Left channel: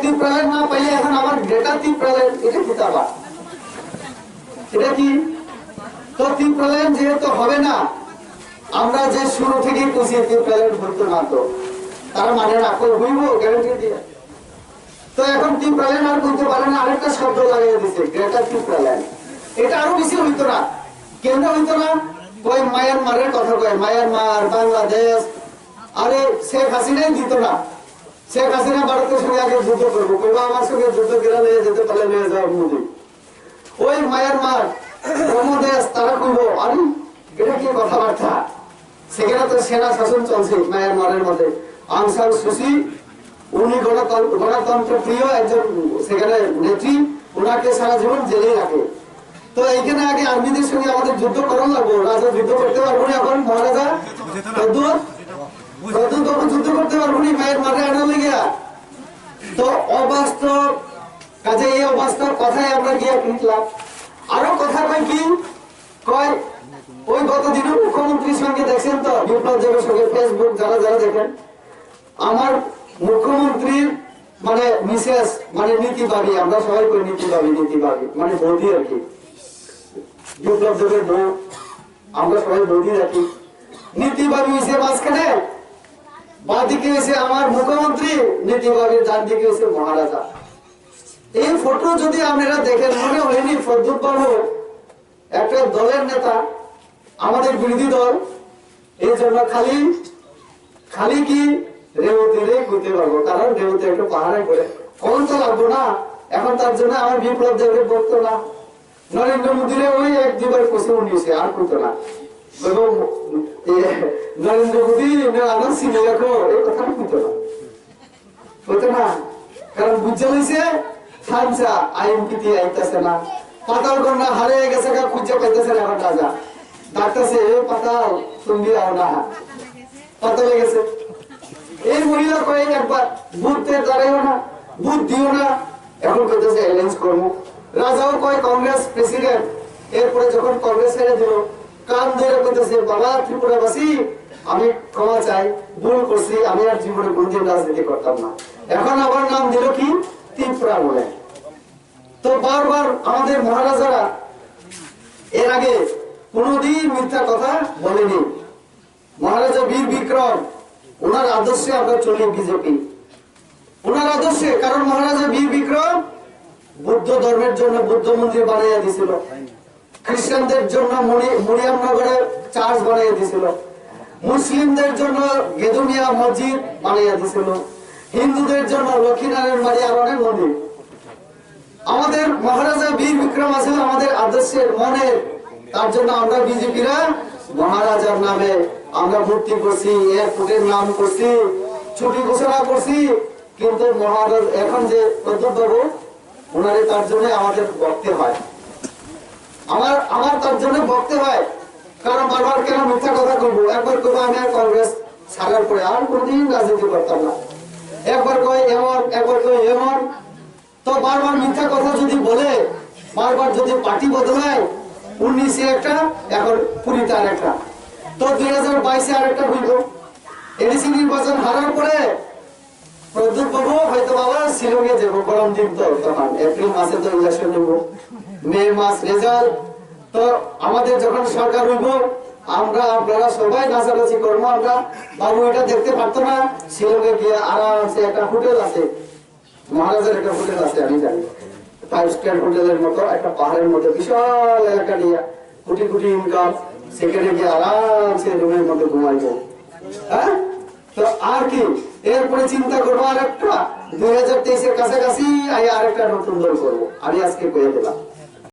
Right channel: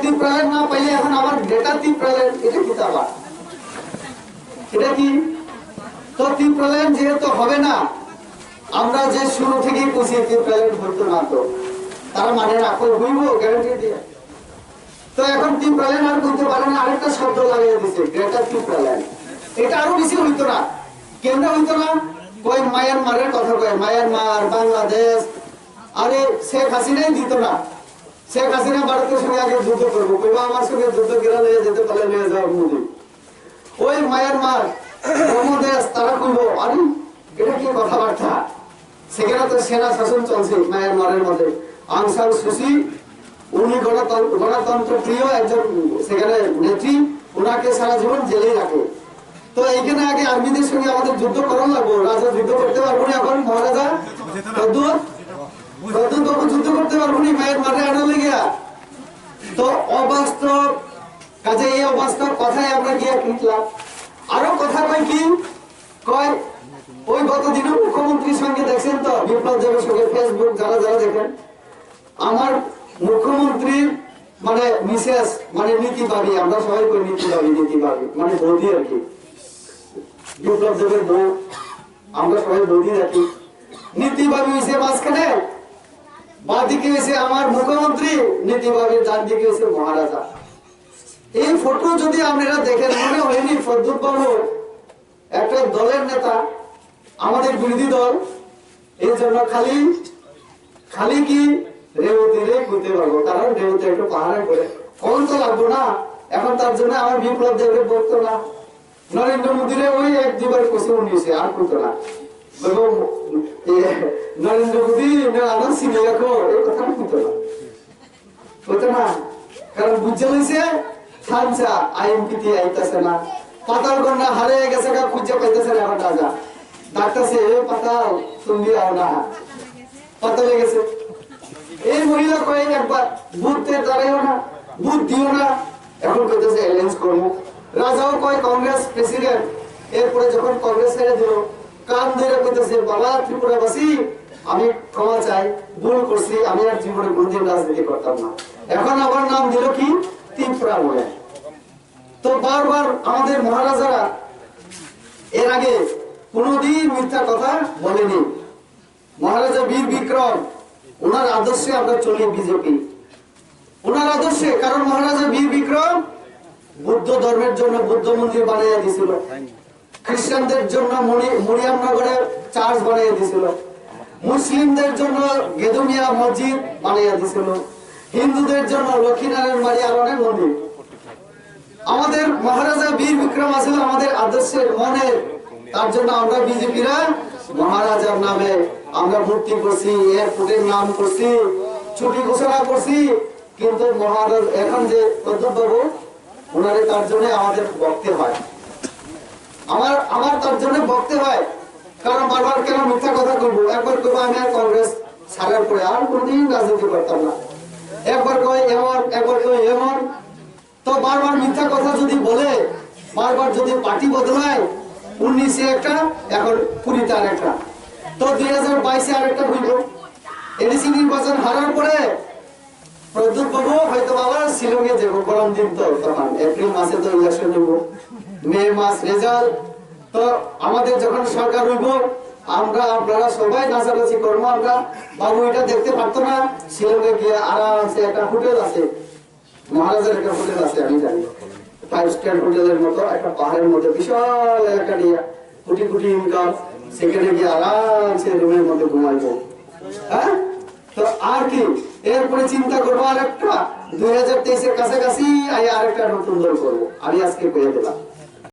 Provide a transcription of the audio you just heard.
ত্রিপ্রালেন না পাইলে এখন আমার গ্রেটার ত্রিপ্রালেন এটা কি তাবা এটা কি তো ত্রিপ্রালেন যেহেতু হবে না আমরা যে শুরু থেকেই কইছি ত্রিপ্রালেন হইতো না তো তারা মানে না কই হইব গ্যারান্টি দিয়ে তো এখন ত্রিপ্রালেন আর কইতে পারে না আরেকটা শব্দ লাগিয়ে দিছে গ্রেটার ত্রিপ্রালেন এটা আরো বেশি হইতো না কেন হইতো না কই মায়ানমারের কথা কয় মায়ানমার বাংলাদেশ আরে শেখ হাসিনাই দিত না শেখ হাসিনা ভারতের সঙ্গে আগে যুদ্ধ করবো কইবা আমার সঙ্গে যুদ্ধ করে নিয়ে যেতে পারলে নিয়ে যাওয়া মোদি ওই মায়ানমার বাংলাদেশ তারা কইবো আরে এটা কি কথাবার্তা সেখানে তো সেনা শাসন চলছে মায়ানমারের মধ্যে আং সান সুচি উনি গণতন্ত্র প্রিয় একজন সেখানে নেত্রী ওনাকে সারা জীবন জেলেই রাখে তো এইখানে আগে আর্মিদের সঙ্গে আমাদের যুদ্ধ করার লাগবো রাজা যুদ্ধ করতে পারবো না এখন মহারাজা যুদ্ধ করতে পারবো না মায়ের মাঠে আনা লেগে তো অবাস্তব কাজে এই অবাস্তব কথায় আমরা গিয়ে কিনলাম আরো কথা কয় কি কয় ওই গত দিনে মুখ্যমন্ত্রীর সঙ্গে দেখছেন তো বিপ্লব দেবের সঙ্গে ফেসবুক যারা যারা দেখেন আমার মুখ্যমন্ত্রীর মানে মিসেস মানে নীতিবাদী আমরা সবাই করি নীতিবাদী মানে বৌদি আর কি বিপ্লব দেবের বউ আমরা সবাই বৌদি রাখি নীতিবাদী হয়েছে মাঝখানে বাঁদিকে এসে আমার মুখ্যমন্ত্রী নীতিবাদীর ডান দিকে এসে মহারাজা এই ফটো যদি আপনারা দেখেন মনে হয়নি ফজলুল বাবু একটা দলের নেতা আমাদের বিরোধী দল এই জন্য খালি কি রেবতীরে ঘুরতে পারবো কারণ রেবতী একটু পাহাড়ে করে কোন তো লাগবো না এখন তার জন্য আমার বিপ্লব দেবের বলতো না নরেন্দ্র মোদীরে ওই এক দুবার কোষে উনিছে আর করতো না নরেন্দ্র মোদী আনন্দ সিনে রাখো এই কথা করতো না হতো না কারণ বুঝতে হয়েছে থানসা আইএমপিটি আইতাছে না পাতাল কন্যা হারিয়ে গেছে খুঁজে পাইতেছে না এখন রাজা ডাক্তারছে পাতাল তুমি আও না পাতালে গেছে এই মহিলা কয়ে একবার বুথে দাঁড়াইও না বুথ দিও না এখন কইতেছে অ্যালায়েন্স করবো রাজাও কয় কংগ্রেস প্রেসিডেন্ট এরপরে যখন কংগ্রেস ছেড়ে দিল কান ধরে কইতেছে বাবা ত্রিপুরাবাসী আমি ক্ষমা চাই ভুল করছি আমি আর জীবনে কোনদিন রাজনীতি করতাম না এখন আবার নাম দিল কি ত্রিপুরা বলে তো বারবার আমাদের মহারাজারা এর আগে কোনদিন মিথ্যা কথা বলেনি মহারাজা বীর বিক্রম ওনার আদর্শে আমরা চলি বিজেপি ওনার আদর্শে কারণ মহারাজা বীর বিক্রম বুদ্ধ ধর্মের জন্য বুদ্ধ মন্দির বানিয়ে দিয়েছিল খ্রিস্টানদের জন্য মরিয়ামনগরে চার্চ বানিয়ে দিয়েছিল মুসলিমদের জন্য গেদুমিয়া মসজিদ বানিয়ে দিয়েছিল হিন্দুদের জন্য লক্ষ্মীনারায়ণ বাড়ি আর অনেক মন্দির আমাদের মহারাজা বীর বিক্রম আসলে আমাদের আদর্শের মনের তার জন্য আমরা বিজেপিরা মহারাজার নামে আমরা মূর্তি করছি এয়ারপোর্টের নাম করছি ছুটি ঘোষণা করছি কিন্তু মহারাজ এখন যে প্রদ্যুৎ বাবু ওনারে তার জন্য আমাদের বকতে হয় আমার তার জন্য বকতে হয় কারণ বারবার কেন মিথ্যা কথা করবো একবার করবো আমি আর কংগ্রেস ছাড়ার পরে আর কোনদিন রাজনীতি করতাম না একবার কয় এমন একবার কয় এমন তো বারবার মিথ্যা কথা যদি বলে বারবার যদি পার্টি বদলায় 19-এ একটা এখন 20-তে আর একটা তো 2022-এ আর একটা হইব এডিসি নির্বাচন হারার পরে প্রদ্যুৎ বাবু হয়তো বাবা শিলংয়ে যাবো গরম দিন তো তখন এপ্রিল মাসে তো ইলেকশন হইব মে মাস রেজাল্ট তো আমাদের যখন সরকার হইব আমরা আপনারা সবাই নাচানাচি করবো আমরা বাবু এটা দেখতে পারতো না শিলংয়ে গিয়ে আরামসে একটা হোটেল আছে মহারাজের একটা হোটেল আছে আমি জানি 5 স্টার হোটেলের মতো একটা পাহাড়ের মধ্যে বিশাল এলাকা নিয়ে কোটি কোটি ইনকাম সেখানে গিয়ে আরামসে রুমের মধ্যে ঘুমাইবো হ্যাঁ তো আর কি এরপরে চিন্তা করবো আর একটা 2023-এর কাছাকাছি আর একটা নতুন দল করবো আমি আজকে পেয়ে দিলাম